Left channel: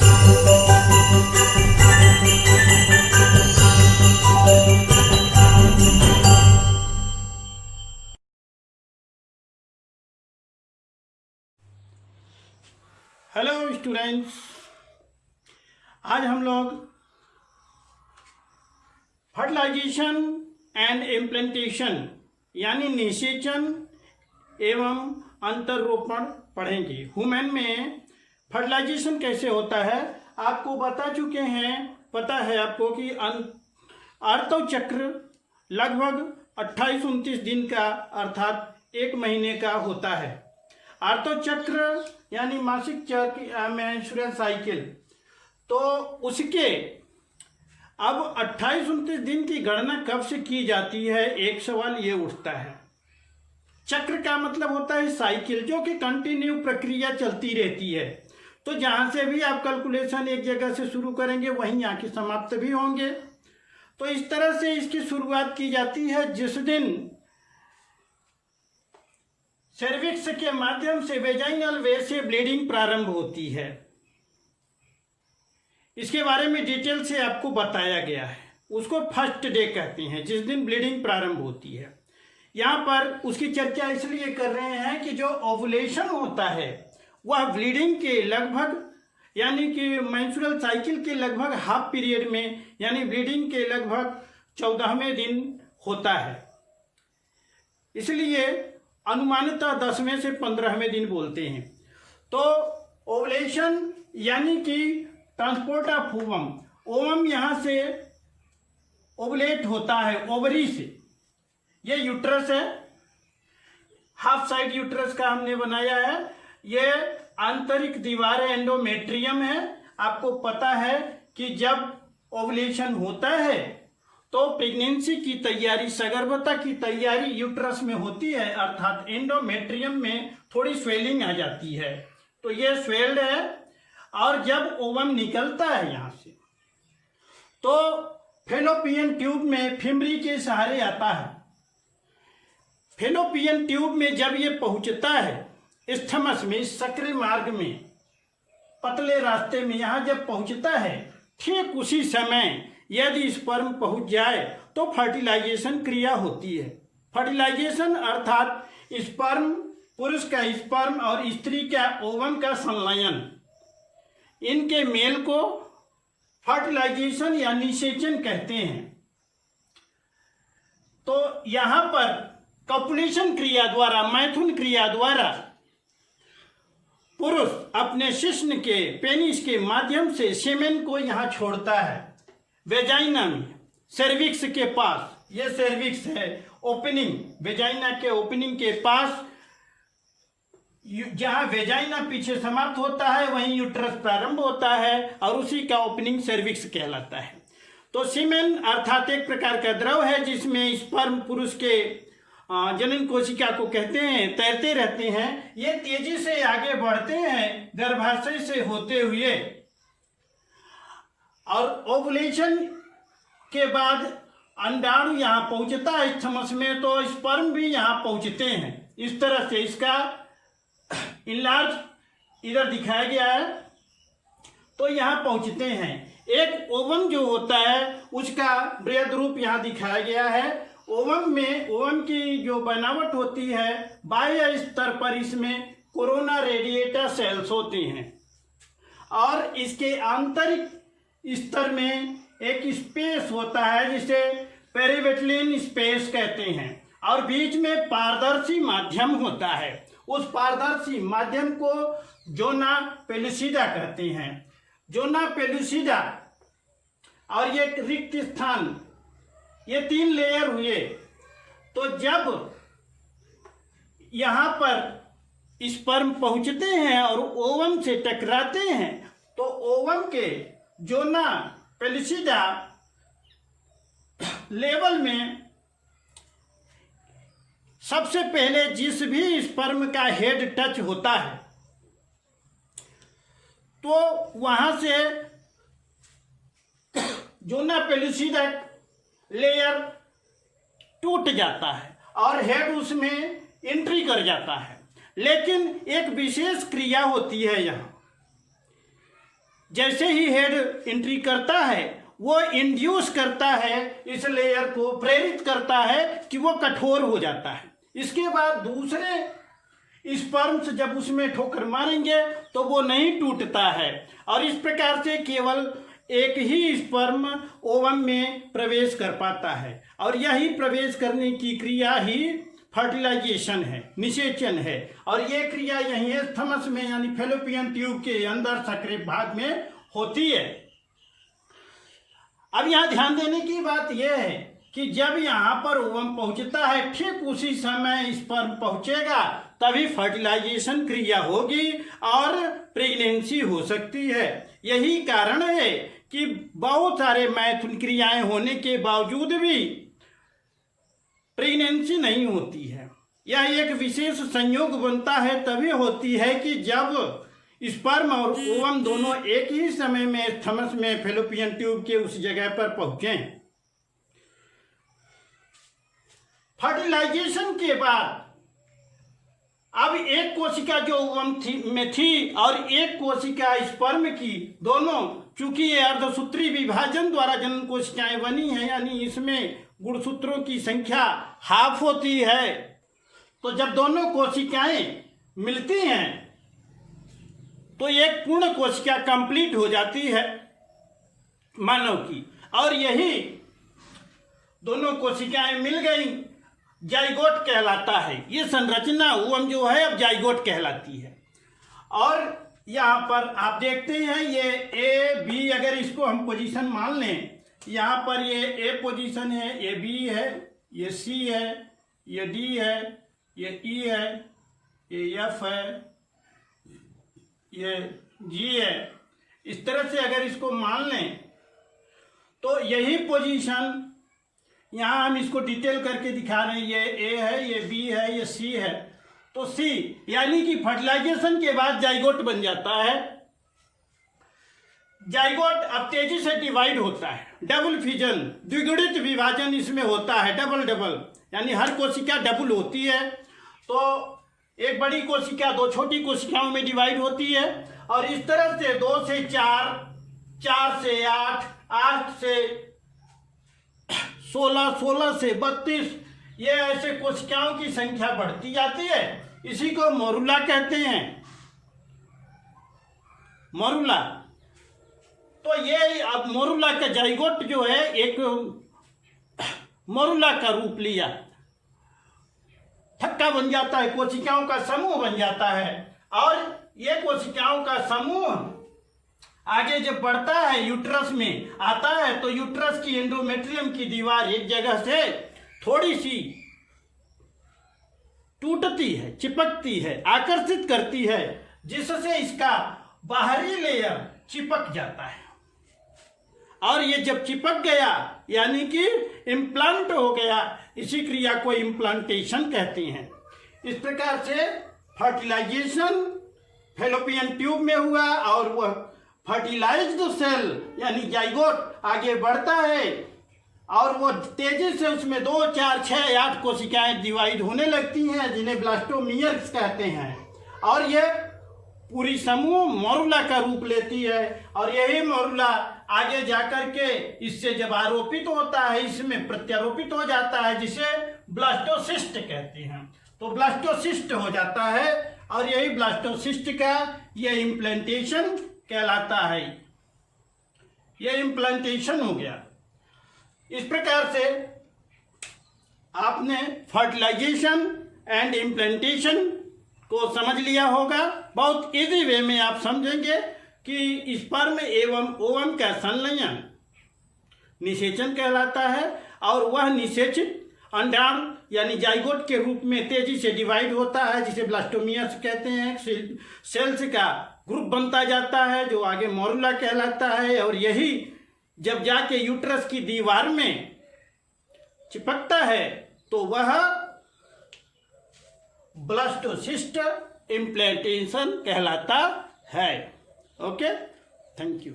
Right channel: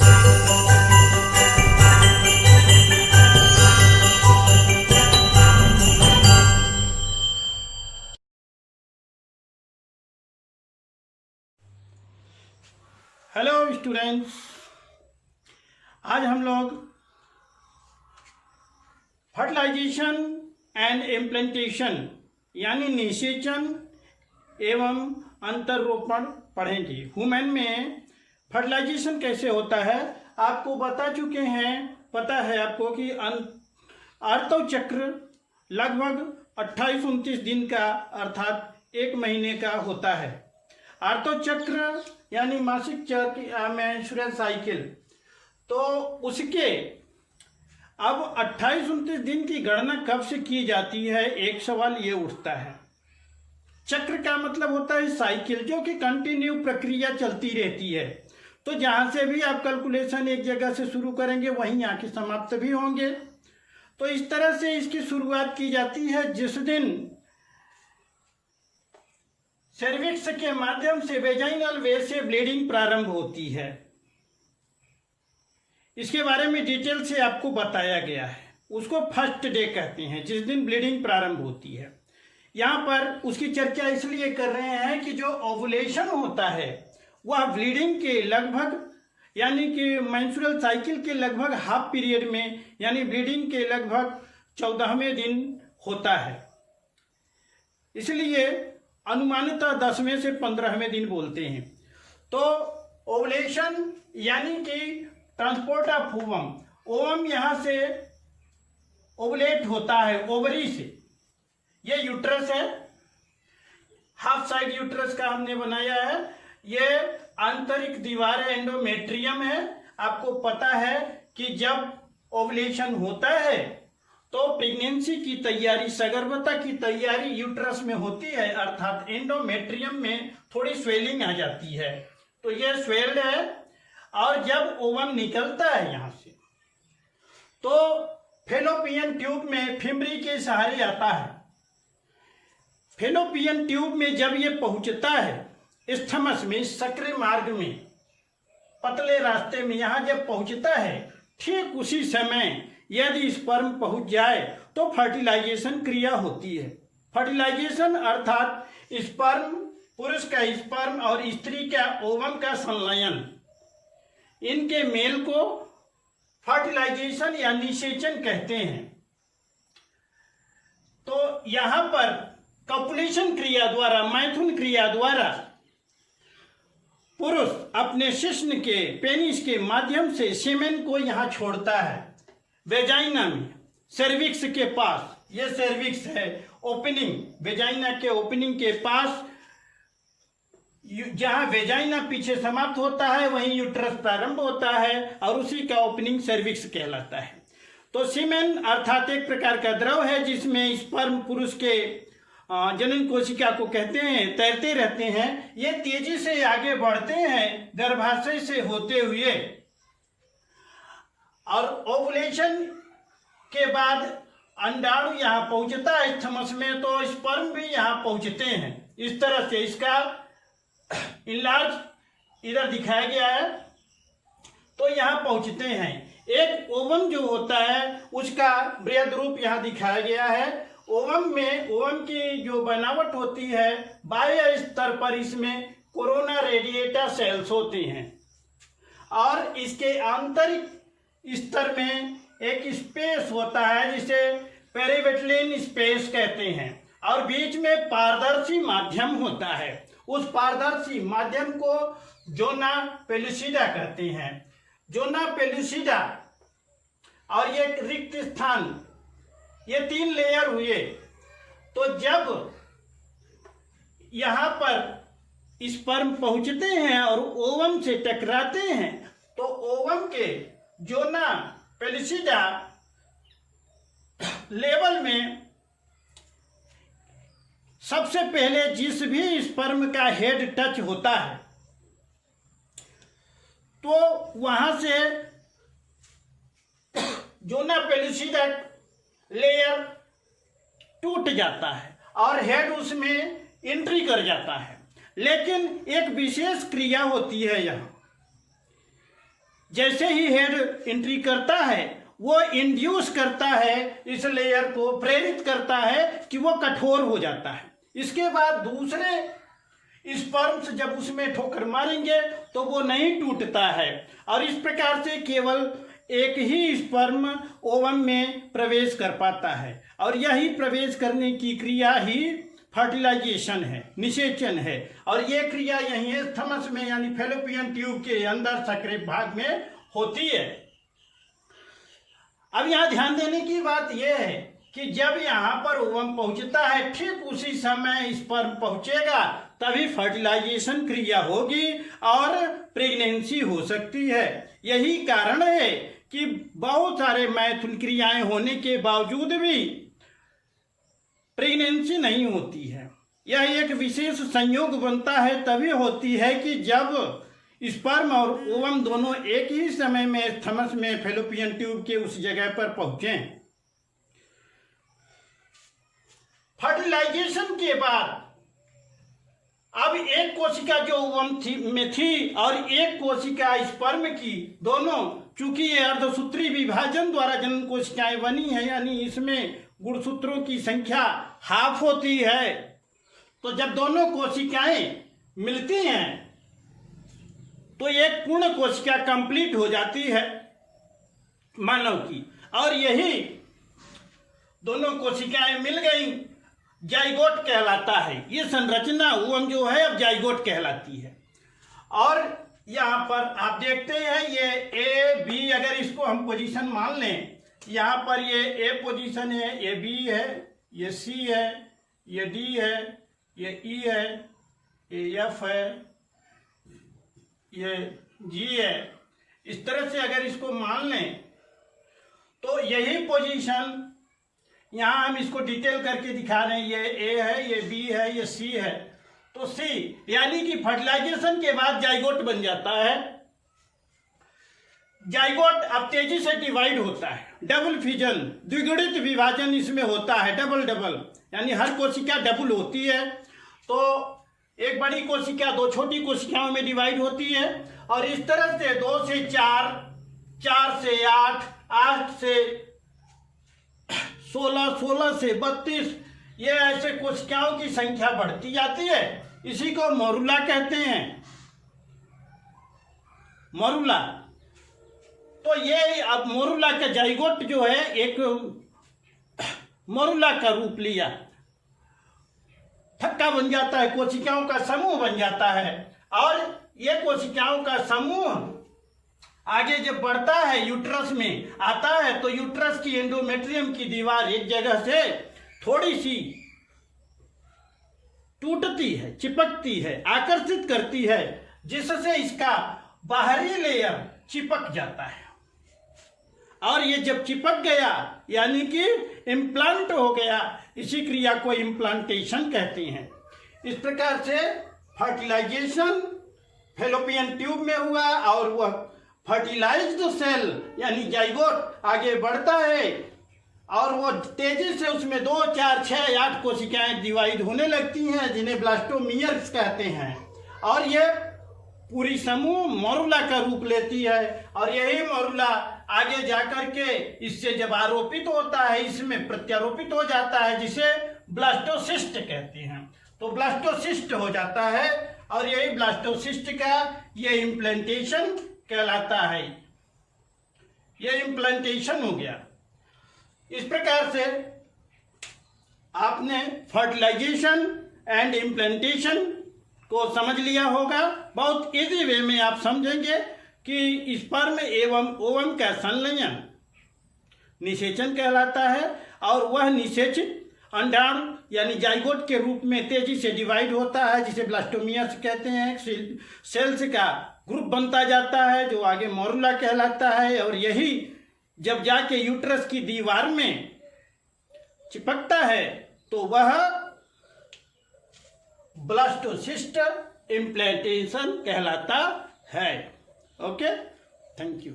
Hello students, आज हम लोग फर्टिलाइजेशन एंड इम्प्लांटेशन यानी निषेचन एवं अंतरोपण पढ़ेंगे। ह्यूमन में फर्टिलाइजेशन कैसे होता है आपको बता चुके हैं। पता है आपको कि आर्तव चक्र लगभग 28-29 दिन का अर्थात 1 महीने का होता है। आर्तव चक्र यानी मासिक चक्र मेंस्ट्रुअल साइकिल, तो उसके अब 28-29 दिन की गणना कब से की जाती है, एक सवाल ये उठता है। चक्र का मतलब होता है साइकिल, जो कि कंटिन्यू प्रक्रिया चलती रहती है। तो जहां से भी आप कैलकुलेशन एक जगह से शुरू करेंगे वहीं आके समाप्त भी होंगे। तो इस तरह से इसकी शुरुआत की जाती है जिस दिन सर्विक्स के माध्यम से वेजाइनल वेयर से ब्लीडिंग प्रारंभ होती है। इसके बारे में डिटेल से आपको बताया गया है। उसको फर्स्ट डे कहते हैं, जिस दिन ब्लीडिंग प्रारंभ होती है। यहाँ पर उसकी चर्चा इसलिए कर रहे हैं कि जो ओवुलेशन होता है वह ब्लीडिंग के लगभग यानी कि मेंस्ट्रुअल साइकिल के लगभग हाफ पीरियड में यानी ब्लीडिंग के लगभग 14वें दिन होता है। इसलिए अनुमानतः 10वें से 15वें दिन बोलते हैं। तो ओवुलेशन यानी कि ट्रांसपोर्ट ऑफ ओवम, ओवम यहां से ओवुलेट होता है ओवरी से। ये यूट्रस है, हाफ साइड यूट्रस का हमने बनाया है। ये आंतरिक दीवार है, एंडोमेट्रियम है। आपको पता है कि जब ओवुलेशन होता है तो प्रेगनेंसी की तैयारी, सगर्भता की तैयारी यूट्रस में होती है, अर्थात एंडोमेट्रियम में थोड़ी स्वेलिंग आ जाती है। तो ये स्वेल्ड है और जब ओवम निकलता है यहां से तो फेलोपियन ट्यूब में फिमरी के सहारे आता है। फेलोपियन ट्यूब में जब ये पहुंचता है स्थमस में, सक्रिय मार्ग में, पतले रास्ते में, यहां जब पहुंचता है ठीक उसी समय यदि स्पर्म पहुंच जाए तो फर्टिलाइजेशन क्रिया होती है। फर्टिलाइजेशन अर्थात स्पर्म, पुरुष का स्पर्म और स्त्री का ओवम का संलयन, इनके मेल को फर्टिलाइजेशन या निषेचन कहते हैं। तो यहां पर कॉपुलेशन क्रिया द्वारा, मैथुन क्रिया द्वारा पुरुष अपने शिश्न के पेनिस के माध्यम से सीमेन को यहां छोड़ता है वेजाइना में, सर्विक्स के पास। ये सर्विक्स है, ओपनिंग, वेजाइना के ओपनिंग के पास। जहां वेजाइना पीछे समाप्त होता है वहीं यूट्रस प्रारंभ होता है और उसी का ओपनिंग सर्विक्स कहलाता है। तो सीमेन अर्थात एक प्रकार का द्रव है जिसमें स्पर्म पुरुष के जनन कोशिका को कहते हैं, तैरते रहते हैं। ये तेजी से आगे बढ़ते हैं गर्भाशय से होते हुए और ओवुलेशन के बाद अंडाणु यहां पहुंचता है स्थमस में, तो स्पर्म भी यहां पहुंचते हैं। इस तरह से इसका इनलार्ज इधर दिखाया गया है, तो यहां पहुंचते हैं। एक ओवम जो होता है उसका बृहद रूप यहां दिखाया गया है। ओवम में, ओवम की जो बनावट होती है बाह्य स्तर पर इसमें कोरोना रेडिएटा सेल्स होते हैं और इसके आंतरिक स्तर में एक स्पेस होता है जिसे पेरिवेटलिन स्पेस कहते हैं और बीच में पारदर्शी माध्यम होता है। उस पारदर्शी माध्यम को जोना पेलुसिडा कहते हैं। जोना पेलुसिडा और ये रिक्त स्थान, ये 3 लेयर हुए। तो जब यहां पर स्पर्म पहुंचते हैं और ओवम से टकराते हैं तो ओवम के जोना पेलुसिडा लेवल में सबसे पहले जिस भी स्पर्म का हेड टच होता है तो वहां से जोना पेलुसिडा लेयर टूट जाता है और हेड उसमें एंट्री कर जाता है। लेकिन एक विशेष क्रिया होती है यहाँ, जैसे ही हेड एंट्री करता है वो इंड्यूस करता है, इस लेयर को प्रेरित करता है कि वो कठोर हो जाता है। इसके बाद दूसरे स्पर्म्स जब उसमें ठोकर मारेंगे तो वो नहीं टूटता है, और इस प्रकार से केवल एक ही स्पर्म ओवम में प्रवेश कर पाता है, और यही प्रवेश करने की क्रिया ही फर्टिलाइजेशन है, निषेचन है। और ये क्रिया यहीं थमस में यानी फैलोपियन ट्यूब के अंदर सक्रिय भाग में होती है। अब यहाँ ध्यान देने की बात यह है कि जब यहाँ पर ओवम पहुंचता है ठीक उसी समय स्पर्म पहुंचेगा, तभी फर्टिलाइजेशन क्रिया होगी और प्रेगनेंसी हो सकती है। यही कारण है कि बहुत सारे मैथुन क्रियाएं होने के बावजूद भी प्रेगनेंसी नहीं होती है। यह एक विशेष संयोग बनता है तभी होती है कि जब स्पर्म और ओवम दोनों एक ही समय में थमस में फैलोपियन ट्यूब के उस जगह पर पहुंचें। फर्टिलाइजेशन के बाद अब एक कोशिका जो ओवम में थी और एक कोशिका स्पर्म की, दोनों चूंकि ये अर्धसूत्री विभाजन द्वारा जनन कोशिकाएं बनी है, यानी इसमें गुणसूत्रों की संख्या हाफ होती है, तो जब दोनों कोशिकाएं मिलती हैं तो एक पूर्ण कोशिका कंप्लीट हो जाती है मानव की, और यही दोनों कोशिकाएं मिल गई जाइगोट कहलाता है। ये संरचना ओवम जो है अब जाइगोट कहलाती है। और यहाँ पर आप देखते हैं ये ए बी, अगर इसको हम पोजीशन मान लें, यहाँ पर ये ए पोजीशन है, ये बी है, ये सी है, ये डी है, ये ई है, ये एफ है, ये जी है। इस तरह से अगर इसको मान लें तो यही पोजीशन यहाँ हम इसको डिटेल करके दिखा रहे हैं, ये ए है, ये बी है, ये सी है। तो सी यानी कि फर्टिलाइजेशन के बाद जाइगोट बन जाता है। जाइगोट अब तेजी से डिवाइड होता है, डबल फिजन, द्विगुणित विभाजन इसमें होता है, डबल यानी हर कोशिका डबल होती है। तो एक बड़ी कोशिका दो छोटी कोशिकाओं में डिवाइड होती है, और इस तरह से 2 से 4, 4 से 8, 8 से 16, 16 से 32, ये ऐसे कोशिकाओं की संख्या बढ़ती जाती है। इसी को मोरुला कहते हैं, मोरुला। तो ये अब मोरुला का जाइगोट जो है एक मोरुला का रूप लिया, थक्का बन जाता है, कोशिकाओं का समूह बन जाता है। और ये कोशिकाओं का समूह आगे जब बढ़ता है यूट्रस में आता है, तो यूट्रस की एंडोमेट्रियम की दीवार एक जगह से थोड़ी सी टूटती है, चिपकती है, आकर्षित करती है, जिससे इसका बाहरी लेयर चिपक जाता है। और ये जब चिपक गया यानी कि इम्प्लांट हो गया, इसी क्रिया को इम्प्लांटेशन कहते हैं। इस प्रकार से फर्टिलाइजेशन फैलोपियन ट्यूब में हुआ, और वह फर्टिलाइज्ड सेल यानी जाइगोट आगे बढ़ता है, और वो तेजी से उसमें 2, 4, 6, 8 कोशिकाएं डिवाइड होने लगती हैं, जिन्हें ब्लास्टोमियर्स कहते हैं। और ये पूरी समूह मोरुला का रूप लेती है, और यही मोरुला आगे जाकर के इससे जब आरोपित होता है, इसमें प्रत्यारोपित हो जाता है, जिसे ब्लास्टोसिस्ट कहते हैं। तो ब्लास्टोसिस्ट हो जाता है, और यही ब्लास्टोसिस्ट का ये इम्प्लांटेशन कहलाता है। ये इम्प्लांटेशन हो गया। इस प्रकार से आपने फर्टिलाइजेशन एंड इम्प्लांटेशन को समझ लिया होगा। बहुत इजी वे में आप समझेंगे कि स्पर्म एवं ओवम का संलयन निषेचन कहलाता है, और वह निषेचित अंडाणु यानी जाइगोट के रूप में तेजी से डिवाइड होता है, जिसे ब्लास्टोमियर्स कहते हैं। सेल्स का ग्रुप बनता जाता है जो आगे मोरुला कहलाता है, और यही जब जाके यूट्रस की दीवार में चिपकता है तो वह ब्लास्टोसिस्ट इम्प्लांटेशन कहलाता है। Okay, thank you.